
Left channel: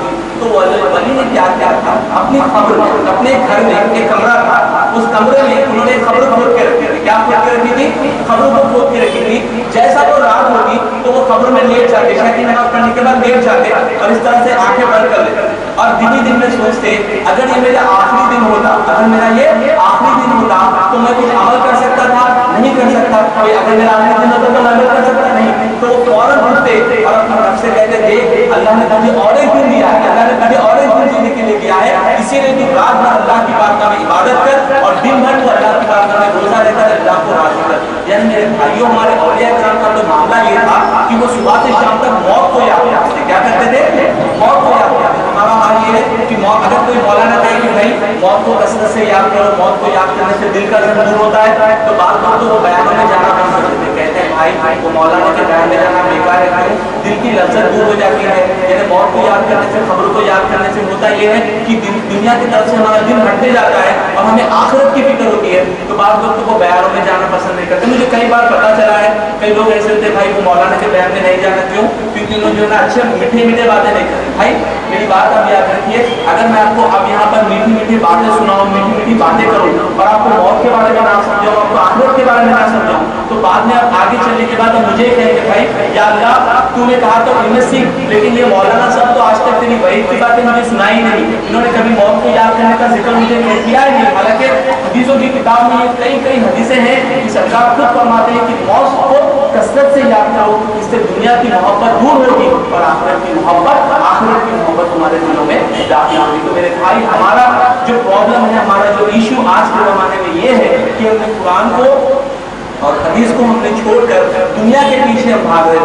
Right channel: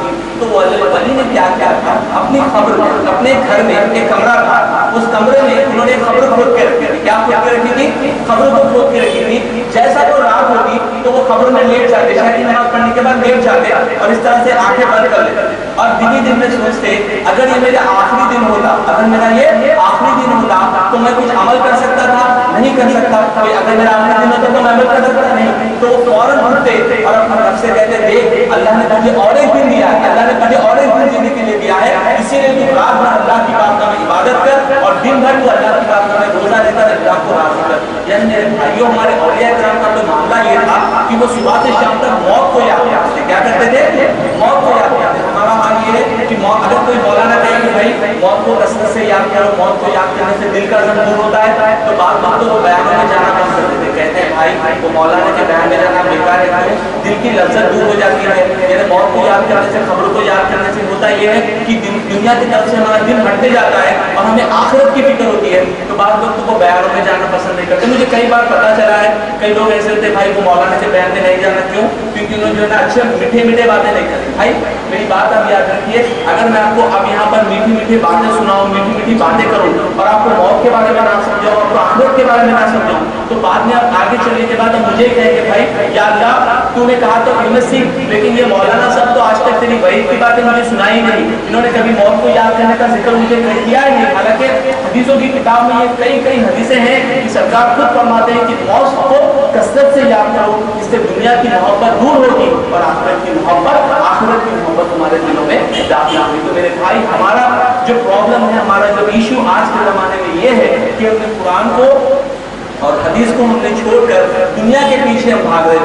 تھی تو ولی نے کیا کیا تھا، اپنی قبر میں، اپنے گھر میں ایک کمرہ تھا، اس کمرے میں انہوں نے قبر کھود کے رکھی تھی۔ کیا کھود کے رکھی تھی؟ قبر کو کھود کے رکھی تھی۔ جیسا وہ رات ہوتی تو وہ قبر میں لیٹ جاتے، عشاء کی نماز پڑھنے کے بعد لیٹ جاتے اور اس طرح سے آنکھیں بند کر لیتے اور دن میں سوچتے اگر یہ میرا آخری دن ہوتا، اگر میرا یہ آخری دن ہوتا تو میں کچھ عمل کر سکتا تھا، نہیں کر سکتا۔ کوئی اگر میرا آخری دن ہوتا تو میں عمل کر سکتا نہیں، تو وہ فوراً اٹھتے اور اپنے رب سے کہتے دیکھ اللہ نے تجھے اور ایک دن دیا ہے، اللہ نے تجھے اور ایک دن جینے کے لیے دیا ہے، اسی لیے تو رات بھر اللہ کی بارگاہ میں عبادت کر اور دن بھر تو اللہ کی بارگاہ میں روزہ رہ کر اللہ کو راضی کر۔ یعنی میرے بھائیوں، ہمارے اولیاء کرام کا تو معاملہ یہ تھا کہ وہ صبح سے شام تک موت کو یاد کرتے تھے۔ کیا کرتے تھے؟ موت کو یاد کرتے تھے۔ ہمارا حال یہ ہے کہ اگر کوئی مولانا کہے کہ بھائی موت کو کثرت سے یاد کرو، موت کو یاد کرنے سے دل کا غم دور ہوتا ہے، تو بعض لوگ تو وہ بیانوں میں جانا بند کر دیتے، کہتے ہیں بھائی وہ مولانا کے بیان میں جانا بیکار ہے، دل کی لذت دور ہو جاتی ہے۔ یعنی موت کو یاد کرنے سے، خبروں کو یاد کرنے سے ہوتا یہ ہے کہ دنیا کی طرف سے ہمارا دل ہٹتے جاتا ہے اور ہمیں آخرت کی فکر ہوتی ہے، تو بعض لوگ تو وہ بیانوں میں جانا پسند نہیں کرتے۔ مجھے کئی بار پتا چلا ہے کئی لوگ ایسے ہوتے بھائی وہ مولانا کے بیان میں نہیں جانا، کیوں؟ کیونکہ انہوں نے جو ہے نا اچھے میٹھے باتیں نہیں کرتے۔ بھائی میری بات آپ یاد رکھیے، اگر میں آپ کو اب یہاں پر میٹھی باتیں سناؤں، میٹھی باتیں کروں اور آپ کو موت کے بارے میں نہ سمجھاؤں، آپ کو آخرت کے بارے میں نہ سمجھاؤں، تو بعد میں آپ آگے چلنے کے بعد مجھے کہیں گے بھائی یا اللہ تو نے کہا تو علم سیکھ، لیکن یہ مولانا صاحب تو آج تک تیری وعید کی باتیں مجھے سنائی نہیں، انہوں نے کبھی موت کو یاد کرنے کا ذکر مجھے کیا ہی نہیں۔ حالانکہ حدیثوں کی کتاب میں یہ کئی حدیثیں ہیں کہ سرکار خود فرماتے ہیں کہ موت کو کثرت سے یاد کرو، اس سے دنیا کی محبت دور ہوگی اور آخرت کی محبت ہمارے دلوں میں داخل ہوگی۔ تو میرے بھائی ہمارا جو پرابلم ہے، ہمارا جو ایشو آج کے زمانے میں یہ ہے کہ ہم نے قرآن کو اور حدیث کو ہم نے چھوڑ کر دنیا کے پیچھے ہم بھاگ رہے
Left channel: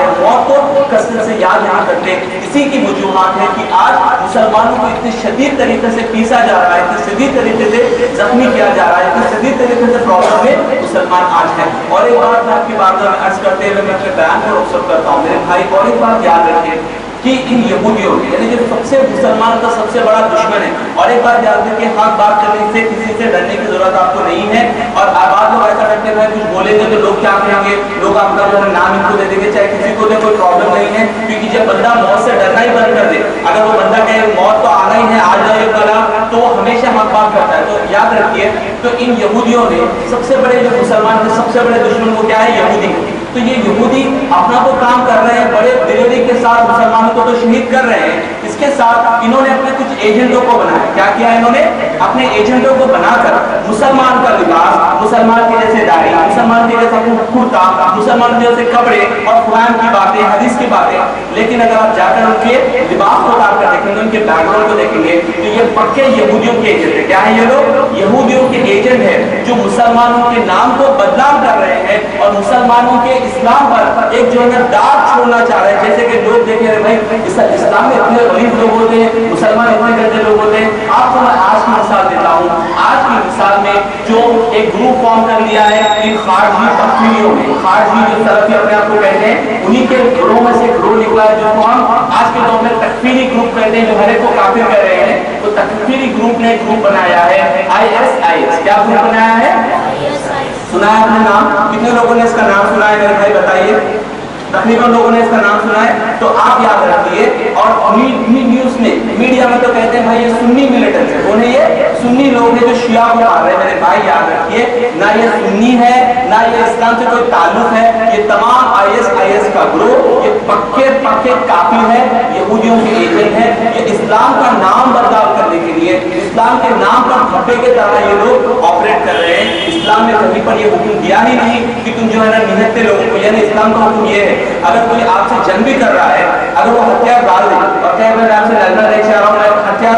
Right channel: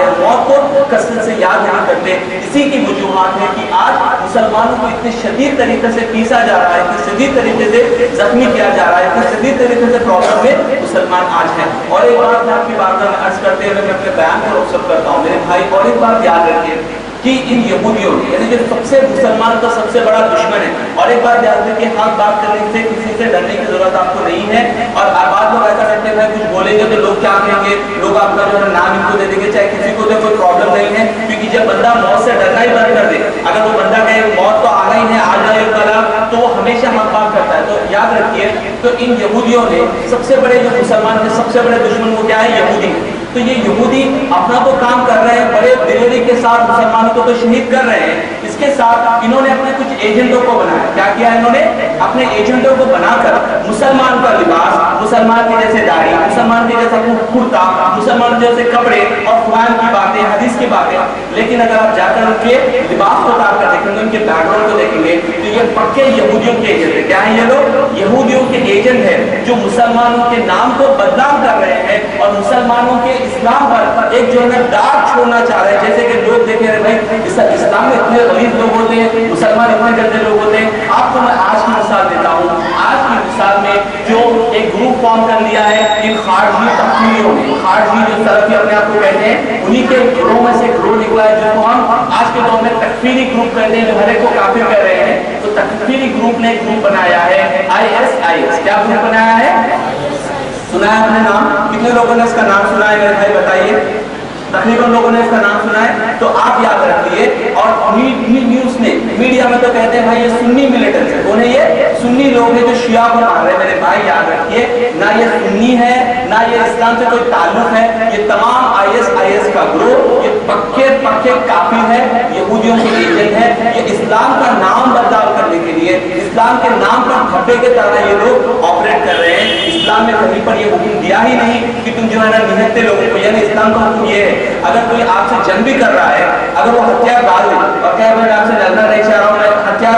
ہیں، موت کو کثرت سے یاد نہیں کرتے۔ اسی کی وجوہات ہے کہ آج مسلمانوں کو اتنے شدید طریقے سے پیسا جا رہا ہے، اتنے شدید طریقے سے زخمی کیا جا رہا ہے، اتنے شدید طریقے سے پرابلم میں مسلمان آج ہیں۔ اور ایک بات میں آپ کی بارگاہ میں عرض کرتے ہوئے میں اپنے بیان کو رخصت کرتا ہوں، میرے بھائی اور ایک بات یاد رکھیں کہ ان یہودیوں یعنی جو سب سے مسلمان کا سب سے بڑا دشمن ہے، اور ایک بات یاد رکھیں حق بات کرنے سے کسی سے ڈرنے کی ضرورت آپ کو نہیں ہے۔ اور بعض لوگ ایسا کرتے ہیں کچھ بولیں گے تو لوگ کیا کہیں گے، لوگ آپ کا جو ہے نام ان کو دے دیں گے، چاہے کسی کو دے کوئی پرابلم نہیں ہے، کیونکہ جب بندہ موت سے ڈرنا ہی بند کر دے، اگر وہ بندہ کہے موت تو آنا ہی ہے آ جائے کلا، تو وہ ہمیشہ حق بات کرتا ہے۔ تو یاد رکھیے، تو ان یہودیوں نے سب سے بڑے جو مسلمان کے سب سے بڑے دشمن وہ کیا ہے؟ یہودی۔ تو یہ یہودی اپنا وہ کام کر رہے ہیں، بڑے دلیری کے ساتھ مسلمانوں کو تو شہید کر رہے ہیں، اس کے ساتھ انہوں نے اپنے کچھ ایجنٹوں کو بنایا۔ کیا کیا انہوں نے؟ اپنے ایجنٹوں کو بنا کر مسلمان کا لباس، مسلمان کی جیسے داڑھی، مسلمان کی جیسا کرتا، مسلمان جیسے کپڑے اور قرآن کی باتیں، حدیث کی باتیں، لیکن اگر آپ جا کر ان کے لباس کو اتار کر دیکھیں گے، ان کے بیک گراؤنڈ کو دیکھیں گے تو یہ پکے یہودیوں کے ایجنٹ ہیں۔ کیا ہیں یہ لوگ؟ یہودیوں کے ایجنٹ ہیں جو مسلمانوں کے نام کو بدنام کر رہے ہیں اور مسلمانوں کے اسلام پر ایک جو ہے داغ چھوڑنا چاہ رہے ہیں۔ جیسے کہ لوگ دیکھیں رہے بھائی اسلام میں اتنے غریب لوگ ہوتے ہیں، مسلمان اتنے گندے لوگ ہوتے ہیں۔ آپ کو میں آج کی مثال دیتا ہوں، آج کی مثال میں جو ایک گروپ فارم کر لیا ہے ان خارجی تکفیریوں نے، خارجی جو سلفی اپنے آپ کو کہتے ہیں، انہی کے گروہ میں سے گروہ نکلا ہے جس کو ہم آج کے دور میں تکفیری گروپ کہتے ہیں، جو ہر ایک کو کافر کہہ رہے ہیں۔ تو تکفیری گروپ نے ایک گروپ بنایا ہے ISIS۔ کیا گروپ بنایا ہے؟ سنا ہے آپ نے نام؟ کتنے لوگوں نے اس کا نام سنا ہے میرے بھائی بتائیے؟ تقریباً لوگوں نے اس کا نام سنا ہے۔ تو آپ یاد رکھیے، اور نیوز نے میڈیا میں تو کہتے ہیں بھائی یہ سنی ملیٹنٹس ہے، کون ہے یہ؟ سنی لوگ ہیں جو شیعہ کو مار رہے ہیں۔ میرے بھائی یاد رکھیے، نہ یہ سنی ہے نہ یہ اسلام سے کوئی تعلق ہے، یہ تمام ISIS کا گروہ یہ پکے کافر ہے، یہودیوں کے ایجنٹ ہے۔ یہ اسلام کا نام بدنام کرنے کے لیے، اسلام کے نام پر دھبے کے طرح یہ لوگ آپریٹ کر رہے ہیں۔ اسلام میں کہیں پر یہ حکم دیا ہی نہیں کہ تم جو ہے نا نہتے لوگوں کو، یعنی اسلام کا حکم یہ ہے اگر کوئی آپ سے جنگ بھی کر رہا ہے، اگر وہ ہتھیار ڈال دے اور کہے میں آپ سے لڑنا نہیں چاہ رہا ہوں، میں ہتھیار